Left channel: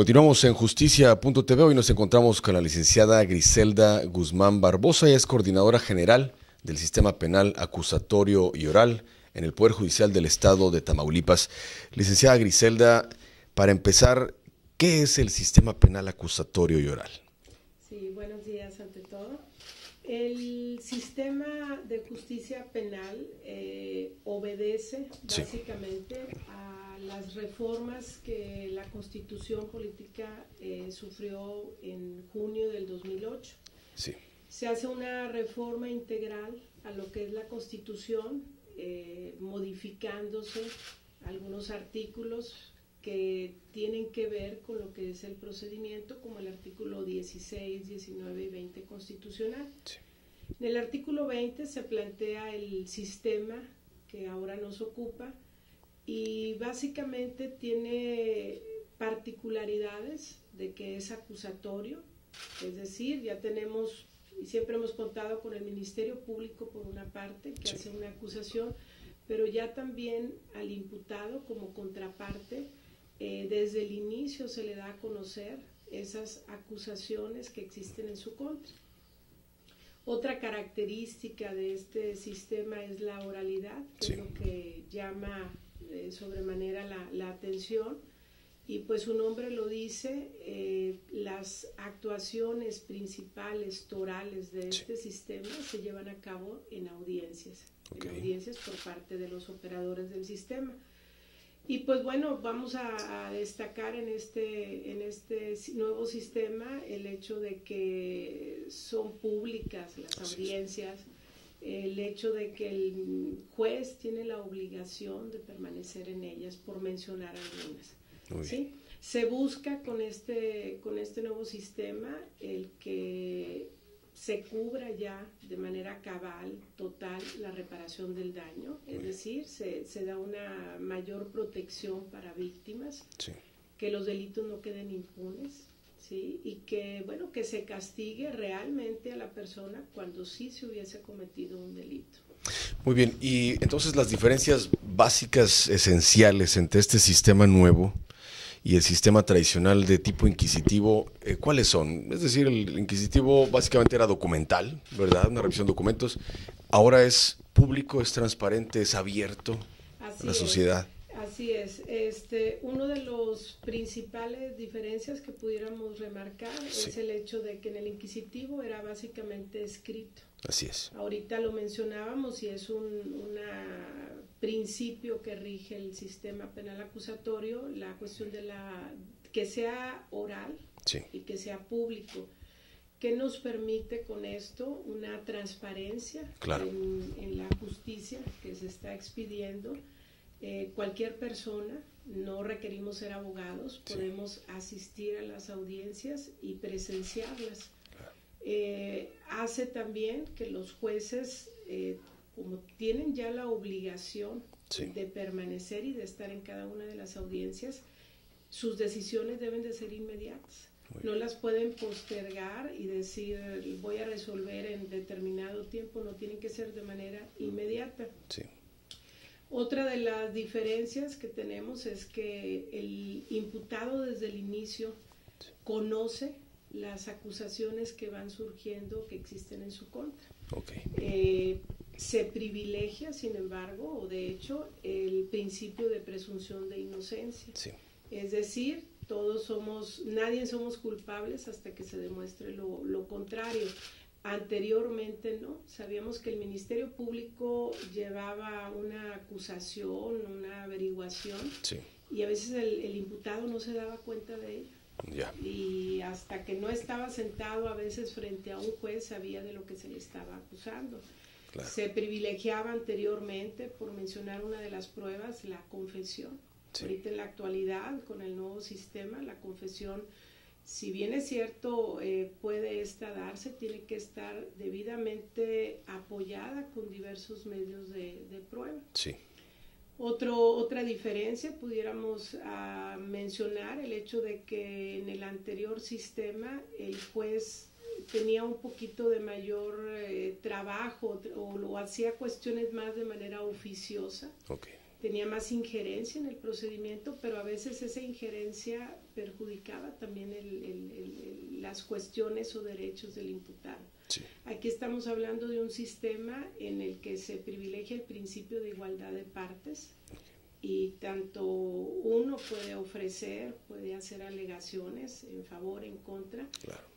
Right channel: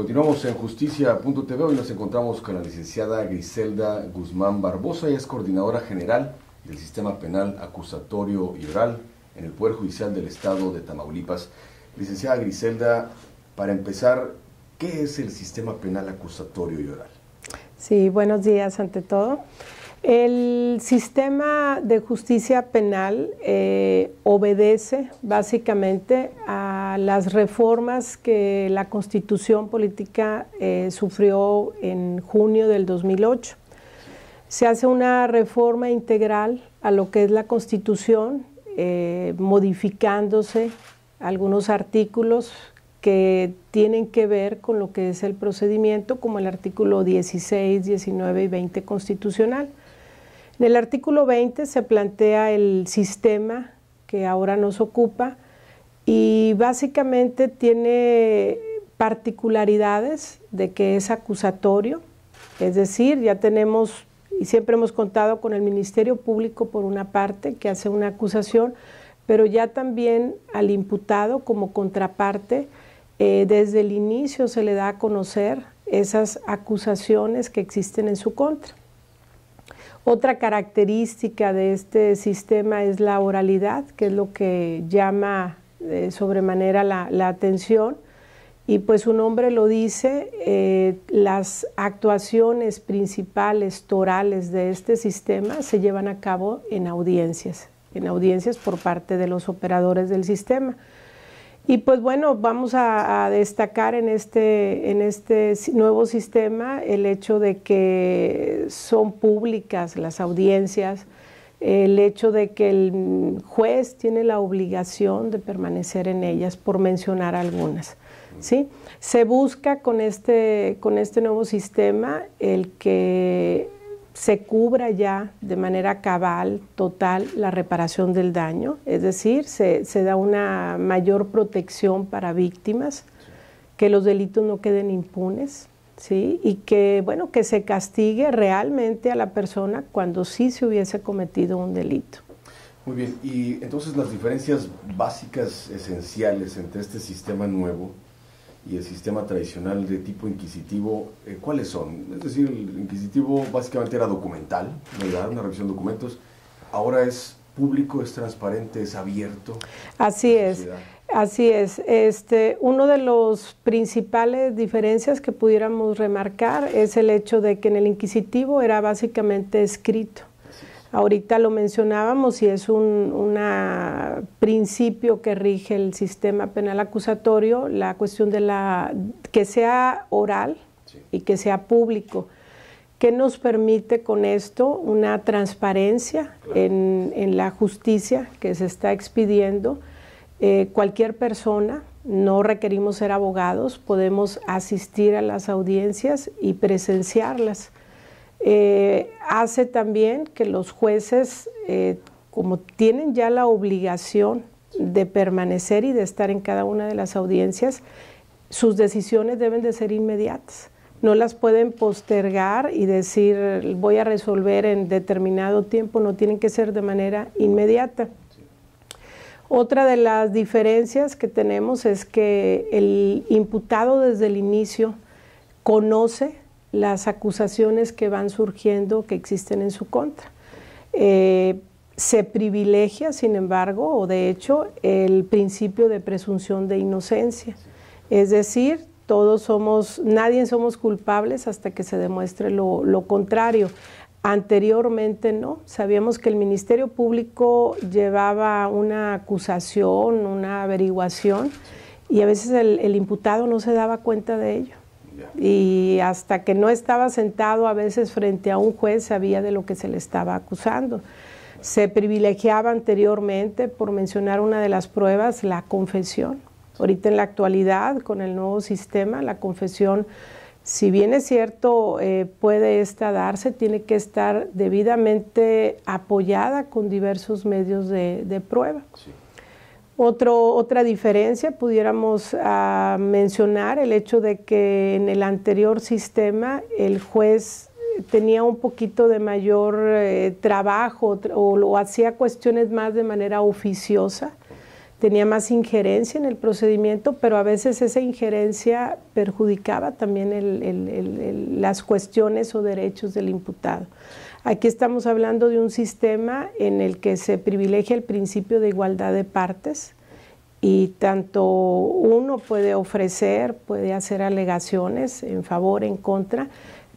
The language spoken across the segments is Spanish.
Continuamos en Justicia.tv. Hoy nos encontramos con la licenciada Griselda Guzmán Barbosa. Ella es coordinadora general del Sistema Penal Acusatorio y Oral en el Poder Judicial del Estado de Tamaulipas. Licenciada Griselda, para empezar, ¿qué es el Sistema Penal Acusatorio y Oral? Sí, buenos días ante todo. El sistema de justicia penal obedece básicamente a las reformas que la Constitución Política sufrió en junio del 2008. Sí. Se hace una reforma integral a lo que es la Constitución, modificándose algunos artículos que tienen que ver con lo que es el procedimiento, como el artículo 16, 19 y 20 constitucional. Sí. En el artículo 20 se plantea el sistema que ahora nos ocupa y básicamente tiene particularidades de que es acusatorio, es decir, ya tenemos y siempre hemos contado con el Ministerio Público por una parte que hace una acusación, pero ya también al imputado como contraparte. Desde el inicio se le da a conocer esas acusaciones que existen en su contra. Otra característica de este sistema es la oralidad, que es lo que llama sobremanera la atención. Y pues su nombre lo dice, las actuaciones principales torales de este sistema se llevan a cabo en audiencias por parte de los operadores del sistema. Y pues bueno, vamos a destacar en este nuevo sistema el hecho de que son públicas las audiencias, el hecho de que el juez tiene la obligación de permanecer en ellas, por mencionar algunas, ¿sí? Se busca con este nuevo sistema el que se cubra ya de manera cabal, total, la reparación del daño, es decir, se da una mayor protección para víctimas, sí, que los delitos no queden impunes, ¿sí? Y que, bueno, que se castigue realmente a la persona cuando sí se hubiese cometido un delito. Muy bien, y entonces las diferencias básicas, esenciales entre este sistema nuevo y el sistema tradicional de tipo inquisitivo, ¿cuáles son? Es decir, el inquisitivo básicamente era documental, ¿verdad? Una revisión de documentos. Ahora es público, es transparente, es abierto a la sociedad. Así es. Uno de los principales diferencias que pudiéramos remarcar es el hecho de que en el inquisitivo era básicamente escrito. Así es. Ahorita lo mencionábamos y es un principio que rige el sistema penal acusatorio, la cuestión de que sea oral, sí, y que sea público. ¿Qué nos permite con esto? Una transparencia, claro, en la justicia que se está expidiendo. Cualquier persona, no requerimos ser abogados, podemos asistir a las audiencias y presenciarlas. Hace también que los jueces, como tienen ya la obligación, sí, de permanecer y de estar en cada una de las audiencias, sus decisiones deben de ser inmediatas. No las pueden postergar y decir voy a resolver en determinado tiempo, no, tienen que ser de manera inmediata. Sí. Otra de las diferencias que tenemos es que el imputado desde el inicio conoce las acusaciones que van surgiendo, que existen en su contra. Okay. Se privilegia, sin embargo, o de hecho, el principio de presunción de inocencia. Sí. Es decir, nadie somos culpables hasta que se demuestre lo contrario. Anteriormente no, sabíamos que el Ministerio Público llevaba una acusación, una averiguación, sí, y a veces el imputado no se daba cuenta de ello. Yeah. Y hasta que no estaba sentado a veces frente a un juez sabía de lo que se le estaba acusando. Claro. Se privilegiaba anteriormente, por mencionar una de las pruebas, la confesión. Sí. Ahorita en la actualidad, con el nuevo sistema, la confesión, si bien es cierto, puede darse, tiene que estar debidamente apoyada con diversos medios de prueba. Sí. Otra diferencia, pudiéramos mencionar el hecho de que en el anterior sistema el juez tenía un poquito de mayor trabajo o lo hacía cuestiones más de manera oficiosa. Okay. tenía más injerencia en el procedimiento, pero a veces esa injerencia perjudicaba también las cuestiones o derechos del imputado. Sí. Aquí estamos hablando de un sistema en el que se privilegia el principio de igualdad de partes y tanto uno puede ofrecer, puede hacer alegaciones en favor, en contra,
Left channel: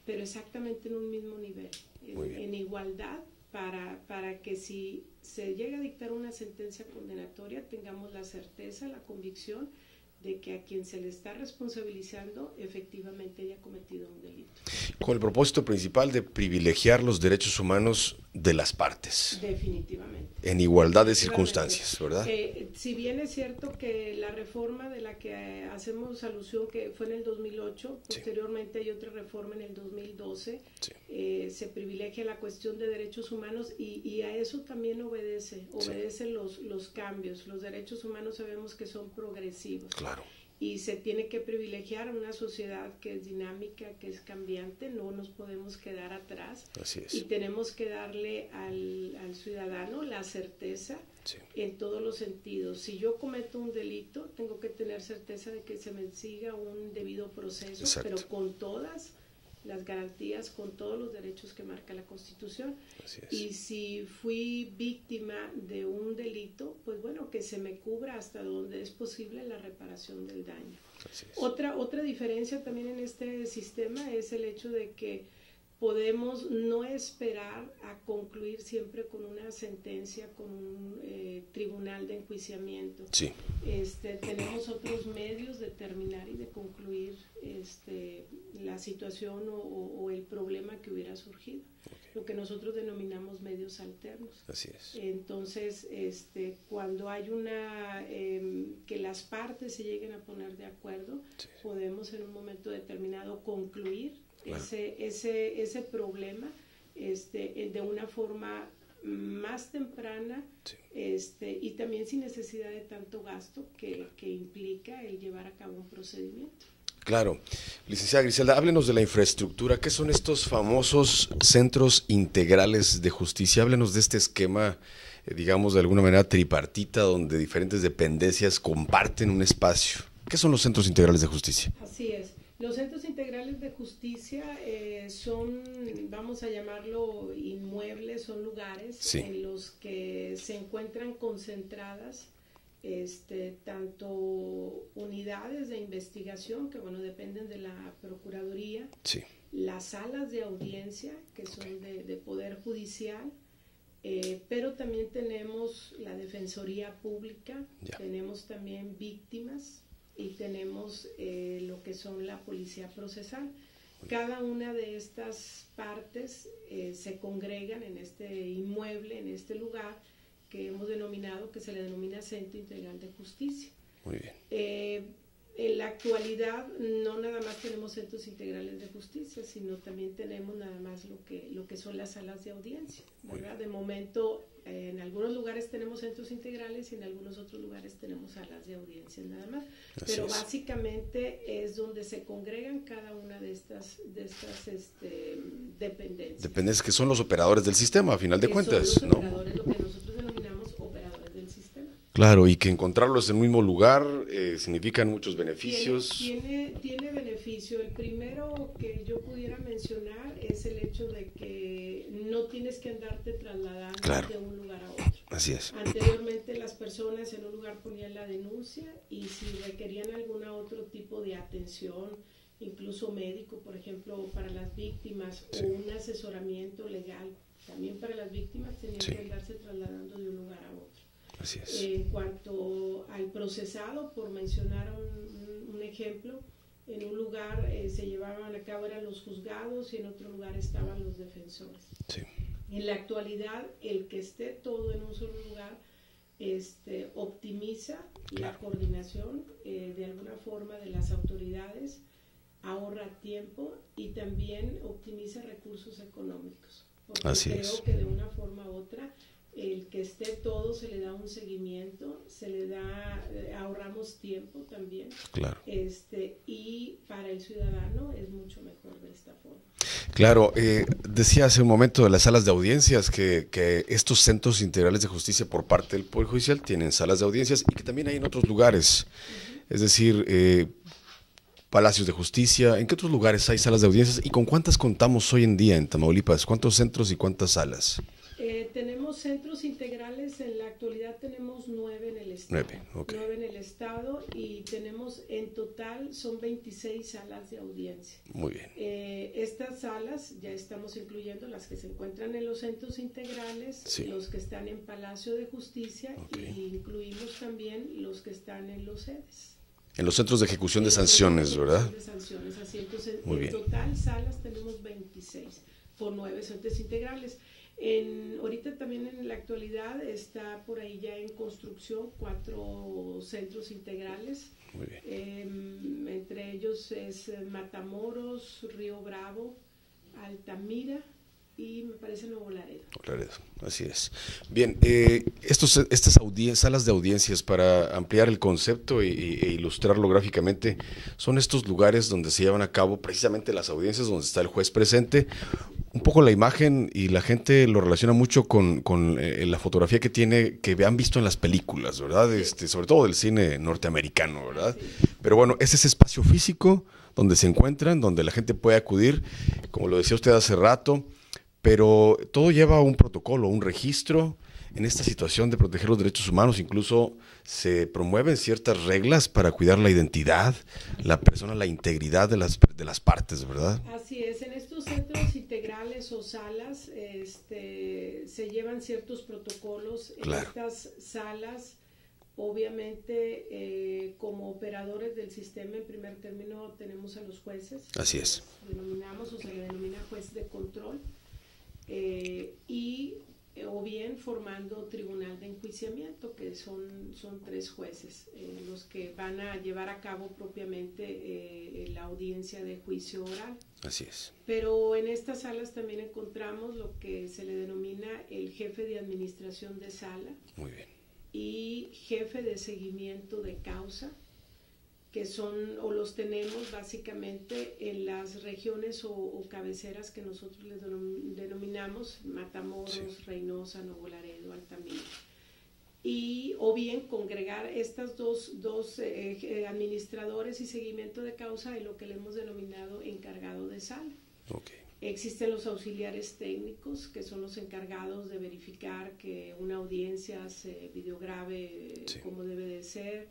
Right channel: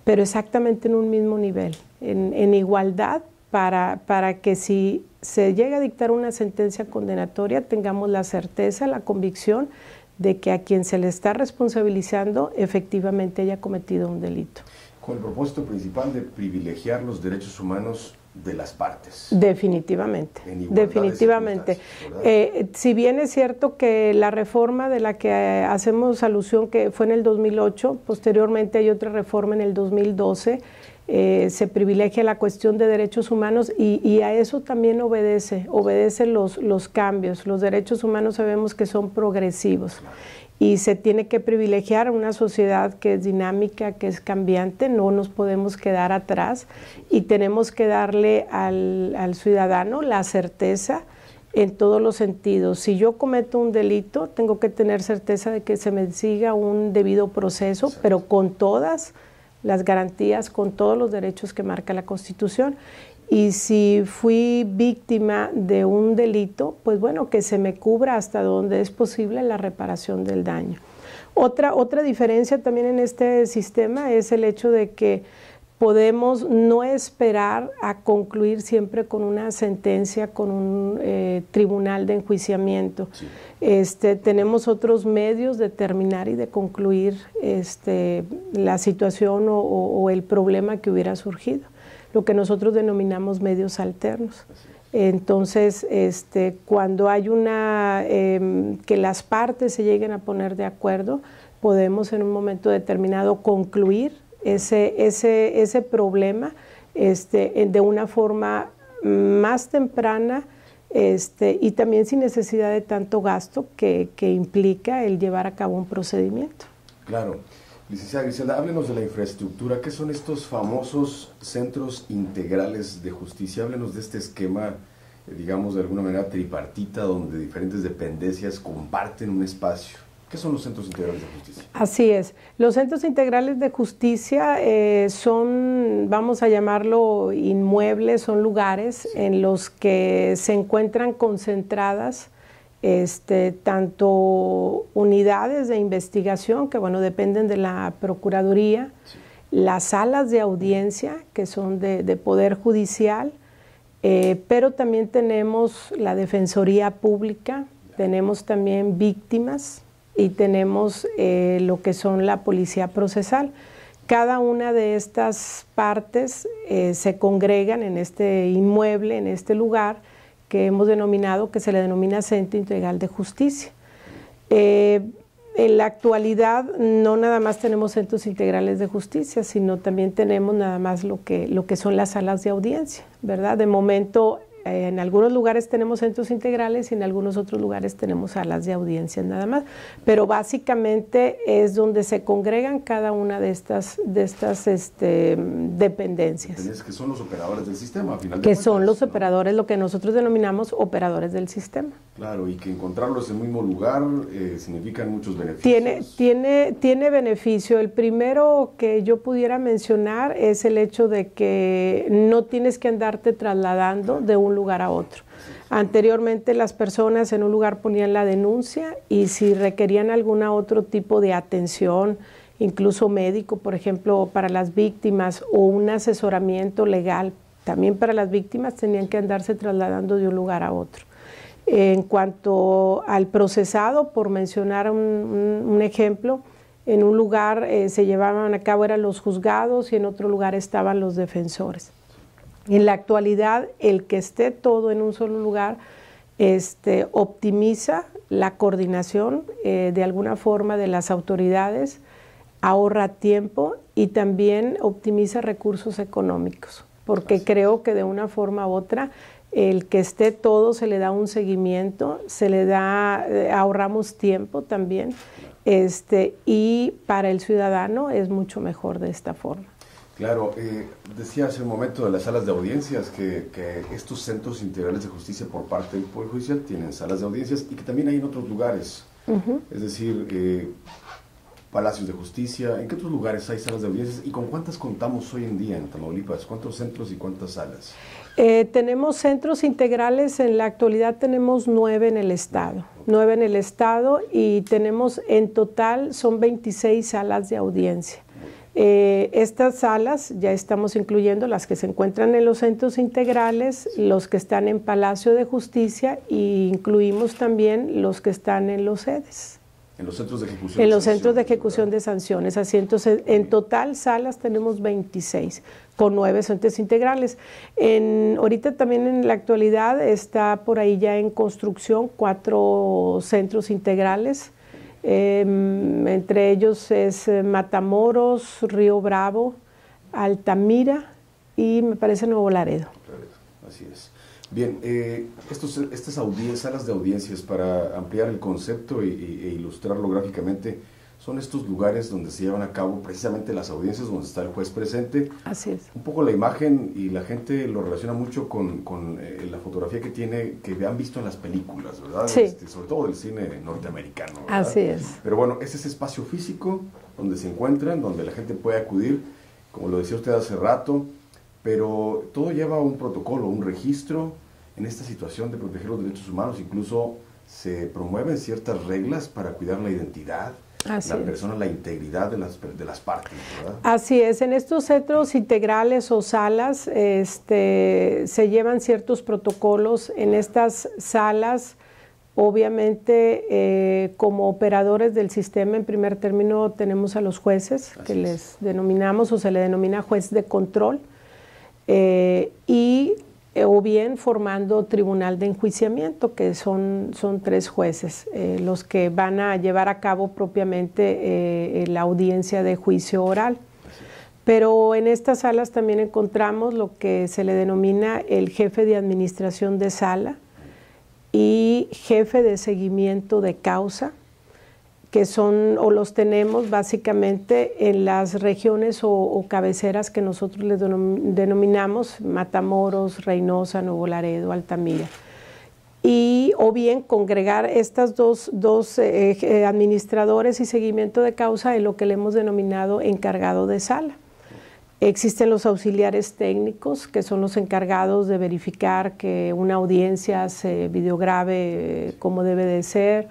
pero exactamente en un mismo nivel, en igualdad, para que si se llega a dictar una sentencia condenatoria tengamos la certeza, la convicción de que a quien se le está responsabilizando efectivamente haya cometido un delito. Con el propósito principal de privilegiar los derechos humanos de las partes. Definitivamente. En igualdad de circunstancias, ¿verdad? Si bien es cierto que la reforma de la que hacemos alusión, que fue en el 2008, posteriormente hay otra reforma en el 2012, se privilegia la cuestión de derechos humanos y a eso también obedece los cambios. Los derechos humanos sabemos que son progresivos. Claro. Y se tiene que privilegiar una sociedad que es dinámica, que es cambiante, no nos podemos quedar atrás y tenemos que darle al ciudadano la certeza en todos los sentidos. Si yo cometo un delito, tengo que tener certeza de que se me siga un debido proceso, pero con todas las garantías, con todos los derechos que marca la Constitución. Y si fui víctima de un delito, pues bueno, que se me cubra hasta donde es posible la reparación del daño. Otra diferencia también en este sistema es el hecho de que podemos no esperar a concluir siempre con una sentencia, con un tribunal de enjuiciamiento. Sí. Tenemos otros medios de terminar y de concluir la situación o el problema que hubiera surgido, lo que nosotros denominamos medios alternos. Así es. Entonces, cuando hay que las partes se lleguen a poner de acuerdo, podemos en un momento determinado concluir ese problema de una forma más temprana y también sin necesidad de tanto gasto que implica el llevar a cabo un procedimiento. Claro. Licenciada Griselda, háblenos de la infraestructura. ¿Qué son estos famosos centros integrales de justicia? Háblenos de este esquema, digamos, de alguna manera tripartita, donde diferentes dependencias comparten un espacio. ¿Qué son los centros integrales de justicia? Así es. Los centros integrales de justicia son, vamos a llamarlo inmuebles, son lugares en los que se encuentran concentradas tanto unidades de investigación, que bueno, dependen de la Procuraduría, las salas de audiencia, que son de Poder Judicial, pero también tenemos la Defensoría Pública, tenemos también víctimas y tenemos lo que son la Policía Procesal. Cada una de estas partes se congregan en este inmueble, en este lugar, que hemos denominado, que se le denomina Centro Integral de Justicia. En la actualidad no nada más tenemos centros integrales de justicia, sino también tenemos nada más lo que son las salas de audiencia, ¿verdad? De momento, en algunos lugares tenemos centros integrales y en algunos otros lugares tenemos salas de audiencia nada más, pero básicamente es donde se congregan cada una de estas dependencias. Dependencias que son los operadores del sistema, a final de cuentas. Que son los operadores, lo que nosotros denominamos operadores del sistema. Claro, y que encontrarlos en el mismo lugar significan muchos beneficios. Tiene beneficio. El primero que yo pudiera mencionar es el hecho de que no tienes que andarte trasladando de un lugar a otro. Así es. Anteriormente las personas en un lugar ponían la denuncia y si requerían algún otro tipo de atención, incluso médico, por ejemplo, para las víctimas o un asesoramiento legal, también para las víctimas tenían que andarse trasladando de un lugar a otro. En cuanto al procesado, por mencionar un ejemplo, en un lugar se llevaban a cabo eran los juzgados y en otro lugar estaban los defensores. Sí. En la actualidad, el que esté todo en un solo lugar optimiza la coordinación de alguna forma de las autoridades, ahorra tiempo y también optimiza recursos económicos, porque creo que de una forma u otra el que esté todo, se le da un seguimiento, se le da, ahorramos tiempo también, claro. Y para el ciudadano es mucho mejor de esta forma. Claro, decía hace un momento de las salas de audiencias que estos centros integrales de justicia por parte del Poder Judicial tienen salas de audiencias y que también hay en otros lugares, es decir, palacios de justicia. ¿En qué otros lugares hay salas de audiencias y con cuántas contamos hoy en día en Tamaulipas? ¿Cuántos centros y cuántas salas? Tenemos centros integrales, en la actualidad tenemos 9 en el estado, 9 en el estado, y tenemos en total son 26 salas de audiencia. Muy bien. Estas salas ya estamos incluyendo las que se encuentran en los centros integrales, sí, los que están en Palacio de Justicia, e incluimos también los que están en los sedes. En los centros de ejecución de sanciones, en los centros de ejecución, ¿verdad?, de sanciones. Así, entonces, en bien. Total salas tenemos 26, con 9 centros integrales. Ahorita también en la actualidad está por ahí ya en construcción 4 centros integrales. Entre ellos es Matamoros, Río Bravo, Altamira y me parece Nuevo Laredo. Así es. Bien, estas salas de audiencias, para ampliar el concepto e ilustrarlo gráficamente, son estos lugares donde se llevan a cabo precisamente las audiencias, donde está el juez presente. Así es. Un poco la imagen, y la gente lo relaciona mucho con la fotografía que han visto en las películas, ¿verdad? Sí. Sobre todo del cine norteamericano, ¿verdad? Así es. Pero bueno, es ese espacio físico donde se encuentran, donde la gente puede acudir, como lo decía usted hace rato. Pero todo lleva un protocolo, un registro. En esta situación de proteger los derechos humanos, incluso se promueven ciertas reglas para cuidar la identidad, la integridad de las partes, ¿verdad? Así es. En estos centros integrales o salas se llevan ciertos protocolos. En Claro. Estas salas, obviamente, como operadores del sistema, en primer término tenemos a los jueces, Así que es. les denominamos, o se le denomina juez de control, o bien formando tribunal de enjuiciamiento, que son 3 jueces, los que van a llevar a cabo propiamente la audiencia de juicio oral. Así es. Pero en estas salas también encontramos lo que se le denomina el jefe de administración de sala y jefe de seguimiento de causa, que son o los tenemos básicamente en las regiones o cabeceras que nosotros les denominamos Matamoros, Reynosa, Nuevo Laredo, Altamira. O bien congregar estas dos administradores y seguimiento de causa en lo que le hemos denominado encargado de sala. Existen los auxiliares técnicos, que son los encargados de verificar que una audiencia se videograbe como debe de ser,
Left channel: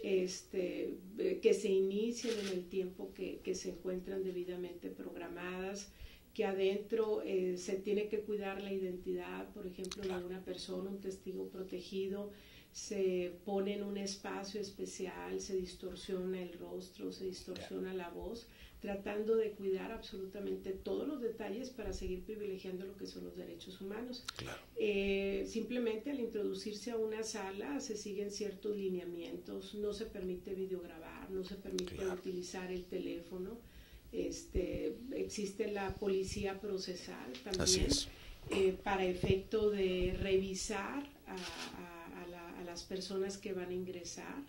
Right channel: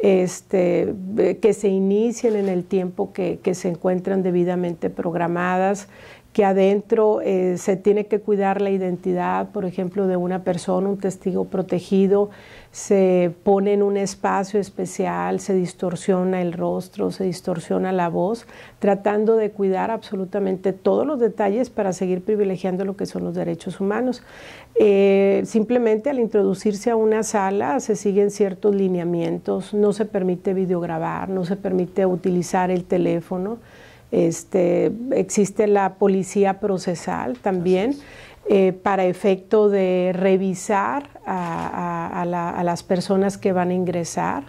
que se inicien en el tiempo que se encuentran debidamente programadas, que adentro se tiene que cuidar la identidad, por ejemplo, de una persona, un testigo protegido, se pone en un espacio especial, se distorsiona el rostro, se distorsiona la voz, tratando de cuidar absolutamente todos los detalles para seguir privilegiando lo que son los derechos humanos. Simplemente al introducirse a una sala se siguen ciertos lineamientos, no se permite videograbar, no se permite utilizar el teléfono, existe la policía procesal también, para efecto de revisar a las personas que van a ingresar,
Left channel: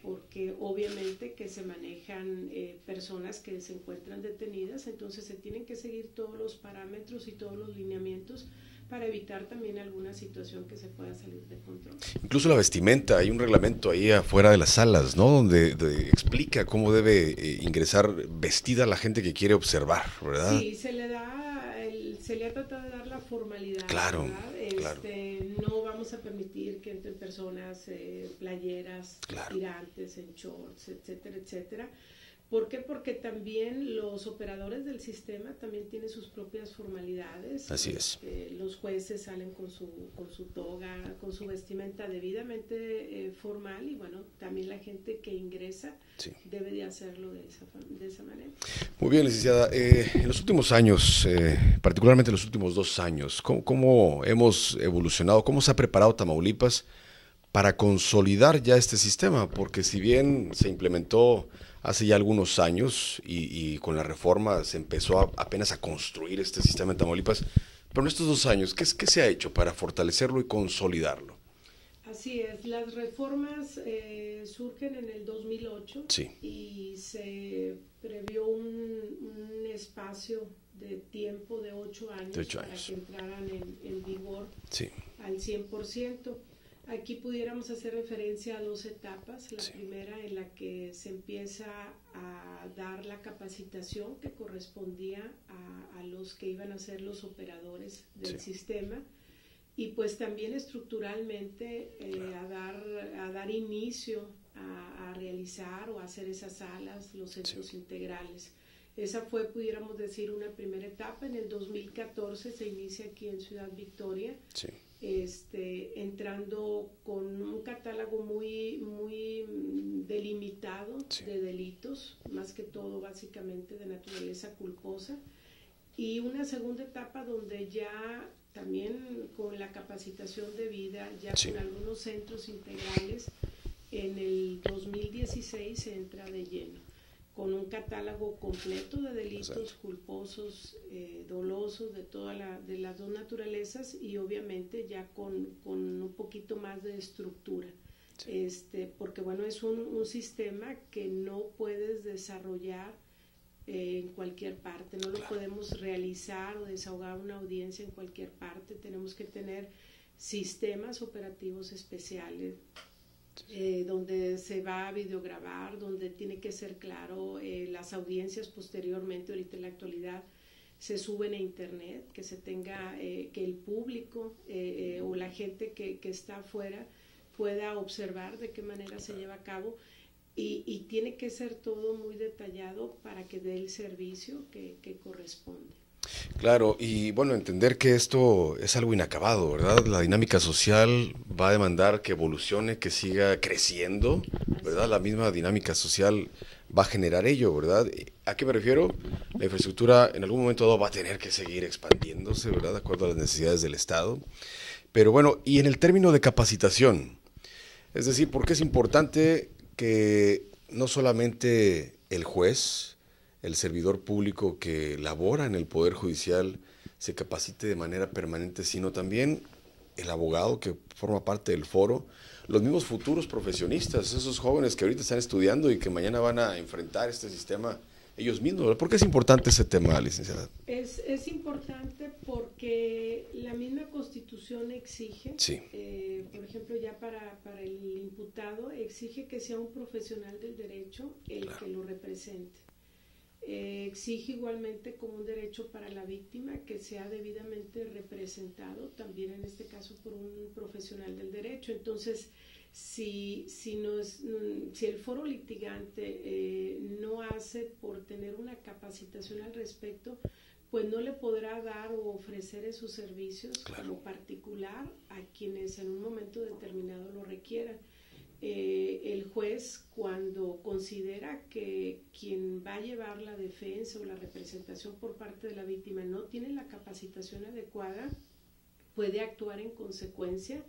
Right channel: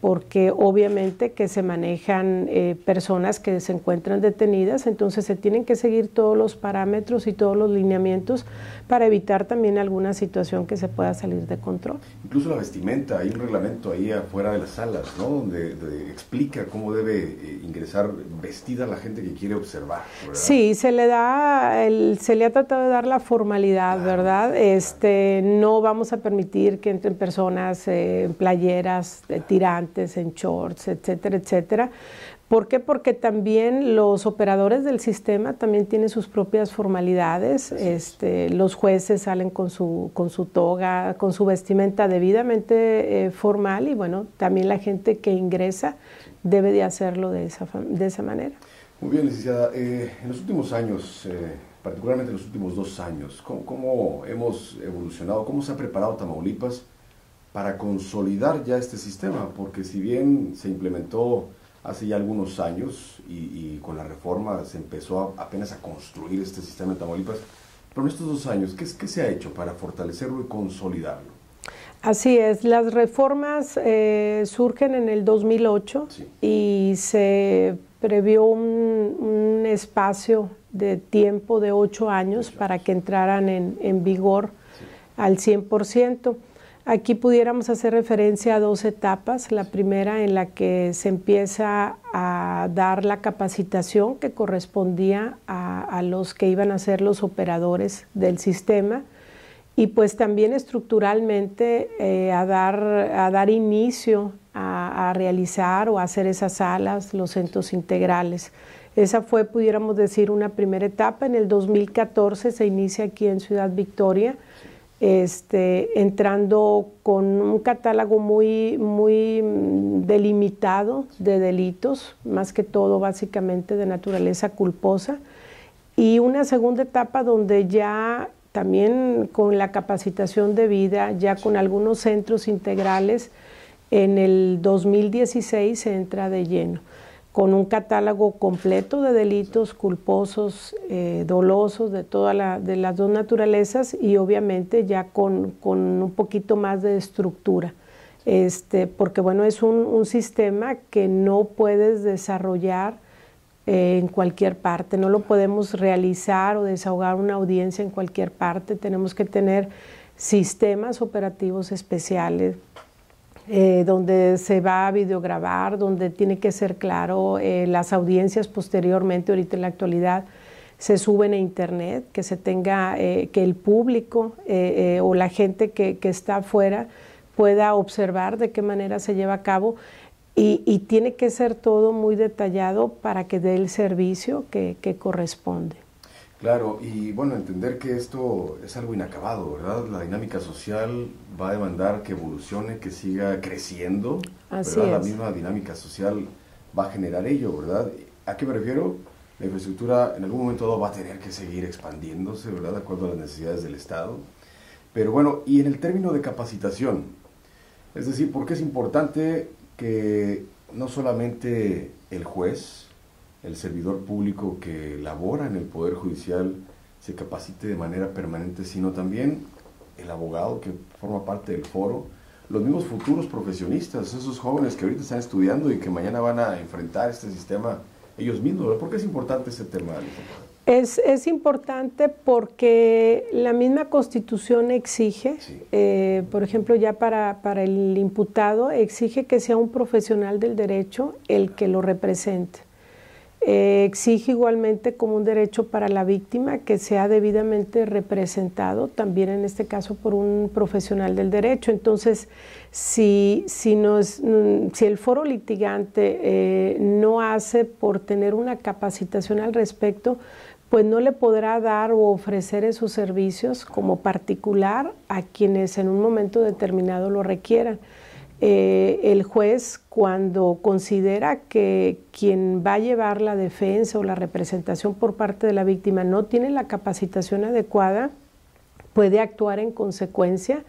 porque obviamente que se manejan personas que se encuentran detenidas, entonces se tienen que seguir todos los parámetros y todos los lineamientos para evitar también alguna situación que se pueda salir de control. Incluso la vestimenta, hay un reglamento ahí afuera de las salas, ¿no?, donde explica cómo debe ingresar vestida la gente que quiere observar, ¿verdad? Sí, se le ha tratado de dar la formalidad, claro, ¿verdad? Claro. No vamos a permitir que entren personas en playeras, claro, tirantes, en shorts, etcétera, etcétera. ¿Por qué? Porque también los operadores del sistema también tienen sus propias formalidades. Los jueces salen con su toga, con su vestimenta debidamente formal, y bueno, también la gente que ingresa debe de hacerlo de esa manera. Muy bien, licenciada. En los últimos años, particularmente en los últimos 2 años, ¿cómo hemos evolucionado? ¿Cómo se ha preparado Tamaulipas para consolidar ya este sistema? Porque si bien se implementó hace ya algunos años y con la reforma se empezó apenas a construir este sistema en Tamaulipas, Pero en estos 2 años, ¿qué se ha hecho para fortalecerlo y consolidarlo? Así es, las reformas surgen en el 2008 sí. y se previó un espacio de tiempo de 8 años para que entraran en vigor al 100%. Aquí pudiéramos hacer referencia a 2 etapas. La primera en la que se empieza a dar la capacitación que correspondía a los que iban a ser los operadores del sistema, y pues también estructuralmente a dar inicio a realizar o a hacer esas salas, los centros integrales. Esa fue, pudiéramos decir, una primera etapa. En el 2014 se inicia aquí en Ciudad Victoria, entrando con un catálogo muy delimitado de delitos, más que todo básicamente de naturaleza culposa, y una segunda etapa donde ya también con la capacitación debida, ya con algunos centros integrales, en el 2016 se entra de lleno, con un catálogo completo de delitos culposos, dolosos, de las 2 naturalezas, y obviamente ya con un poquito más de estructura. Porque bueno, es un sistema que no puedes desarrollar en cualquier parte, no lo podemos realizar o desahogar una audiencia en cualquier parte. Tenemos que tener sistemas operativos especiales donde se va a videograbar, donde tiene que ser claro. Las audiencias posteriormente, ahorita en la actualidad, se suben a internet, que se tenga, que el público o la gente que está afuera pueda observar de qué manera se lleva a cabo. Y tiene que ser todo muy detallado para que dé el servicio que corresponde. Claro, y bueno, entender que esto es algo inacabado, ¿verdad? La dinámica social va a demandar que evolucione, que siga creciendo, ¿verdad? La misma dinámica social va a generar ello, ¿verdad? ¿A qué me refiero? La infraestructura en algún momento dado va a tener que seguir expandiéndose, ¿verdad? De acuerdo a las necesidades del Estado. Pero bueno, y en el término de capacitación, es decir, ¿por qué es importante que no solamente el juez, el servidor público que labora en el Poder Judicial se capacite de manera permanente, sino también el abogado que forma parte del foro, los mismos futuros profesionistas, esos jóvenes que ahorita están estudiando y que mañana van a enfrentar este sistema ellos mismos? ¿Por qué es importante ese tema, licenciada? Es importante porque la misma Constitución exige, por ejemplo, ya para el imputado, exige que sea un profesional del derecho el que lo represente. Exige igualmente como un derecho para la víctima que sea debidamente representado, también en este caso por un profesional del derecho. Entonces, si el foro litigante no hace por tener una capacitación al respecto, pues no le podrá dar o ofrecer esos servicios como particular a quienes en un momento determinado lo requieran. El juez, cuando considera que quien va a llevar la defensa o la representación por parte de la víctima no tiene la capacitación adecuada, puede actuar en consecuencia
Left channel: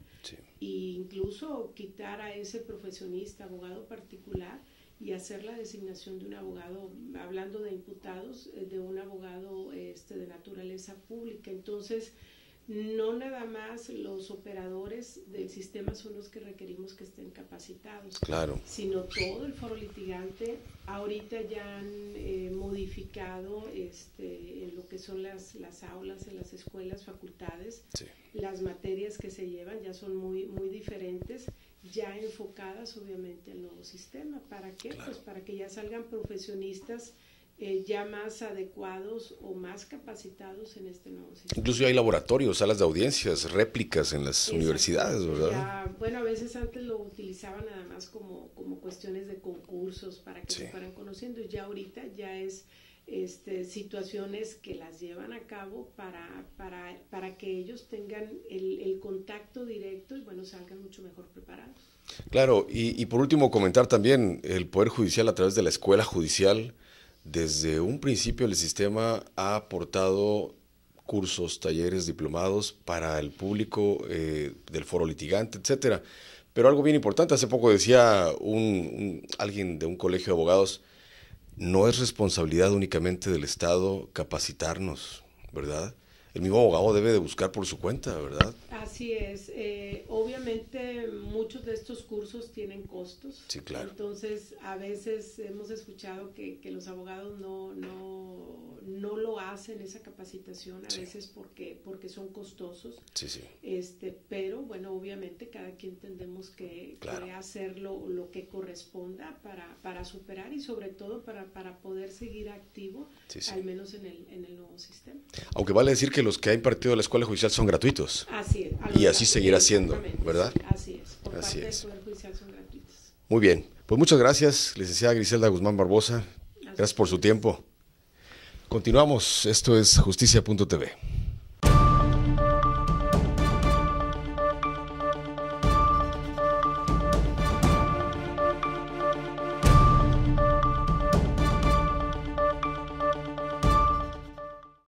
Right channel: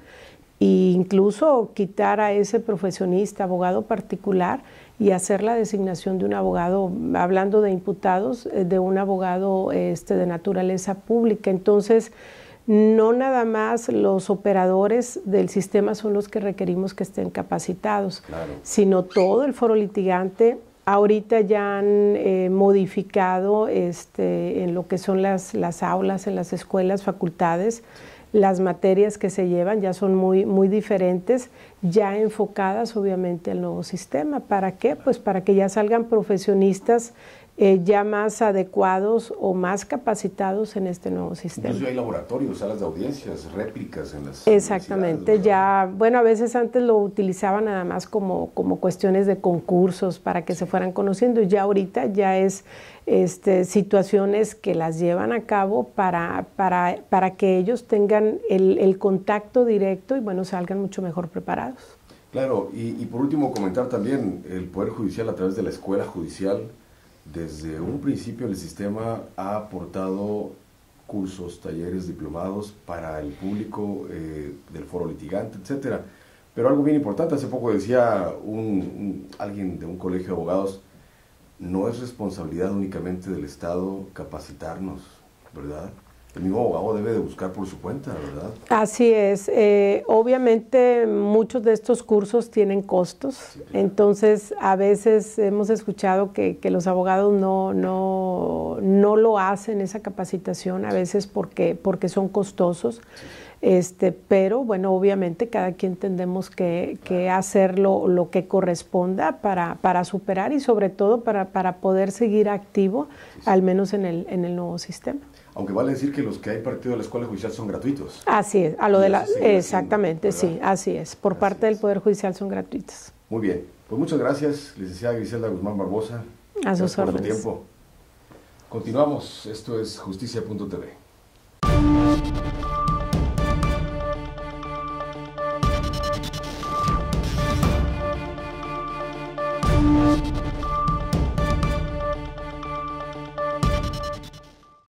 e incluso quitar a ese profesionista, abogado particular, y hacer la designación de un abogado, hablando de imputados, de un abogado de naturaleza pública. Entonces, no nada más los operadores del sistema son los que requerimos que estén capacitados, sino todo el foro litigante. Ahorita ya han modificado en lo que son las aulas, en las escuelas, facultades, las materias que se llevan ya son muy diferentes, ya enfocadas obviamente al nuevo sistema. ¿Para qué? Pues para que ya salgan profesionistas ya más adecuados o más capacitados en este nuevo sistema. Incluso hay laboratorios, salas de audiencias, réplicas en las universidades. Exactamente, ya, bueno, a veces antes lo utilizaban nada más como cuestiones de concursos para que se fueran conociendo, y ya ahorita ya es situaciones que las llevan a cabo para que ellos tengan el contacto directo y bueno, salgan mucho mejor preparados. Claro, y por último comentar también, el Poder Judicial a través de la Escuela Judicial, desde un principio el sistema ha aportado cursos, talleres, diplomados para el público del foro litigante, etcétera. Pero algo bien importante, hace poco decía alguien de un colegio de abogados, no es responsabilidad únicamente del Estado capacitarnos, ¿verdad? el mismo abogado debe de buscar por su cuenta, ¿verdad? Así es. Obviamente muchos de estos cursos tienen costos, sí, claro. Entonces a veces hemos escuchado que los abogados no lo hacen esa capacitación, a veces porque son costosos, sí, sí. Pero bueno, obviamente cada quien tendremos que hacer lo que corresponda para superar y sobre todo para poder seguir activo, sí, sí. Al menos en el nuevo sistema. Aunque vale decir que los que ha impartido la Escuela Judicial son gratuitos. Así es. Así seguirá exactamente, siendo, sí, así es. Por parte del Poder Judicial son gratuitos. Muy bien. Pues muchas gracias, licenciada Griselda Guzmán Barbosa. Gracias por su tiempo. Continuamos. Esto es Justicia.tv.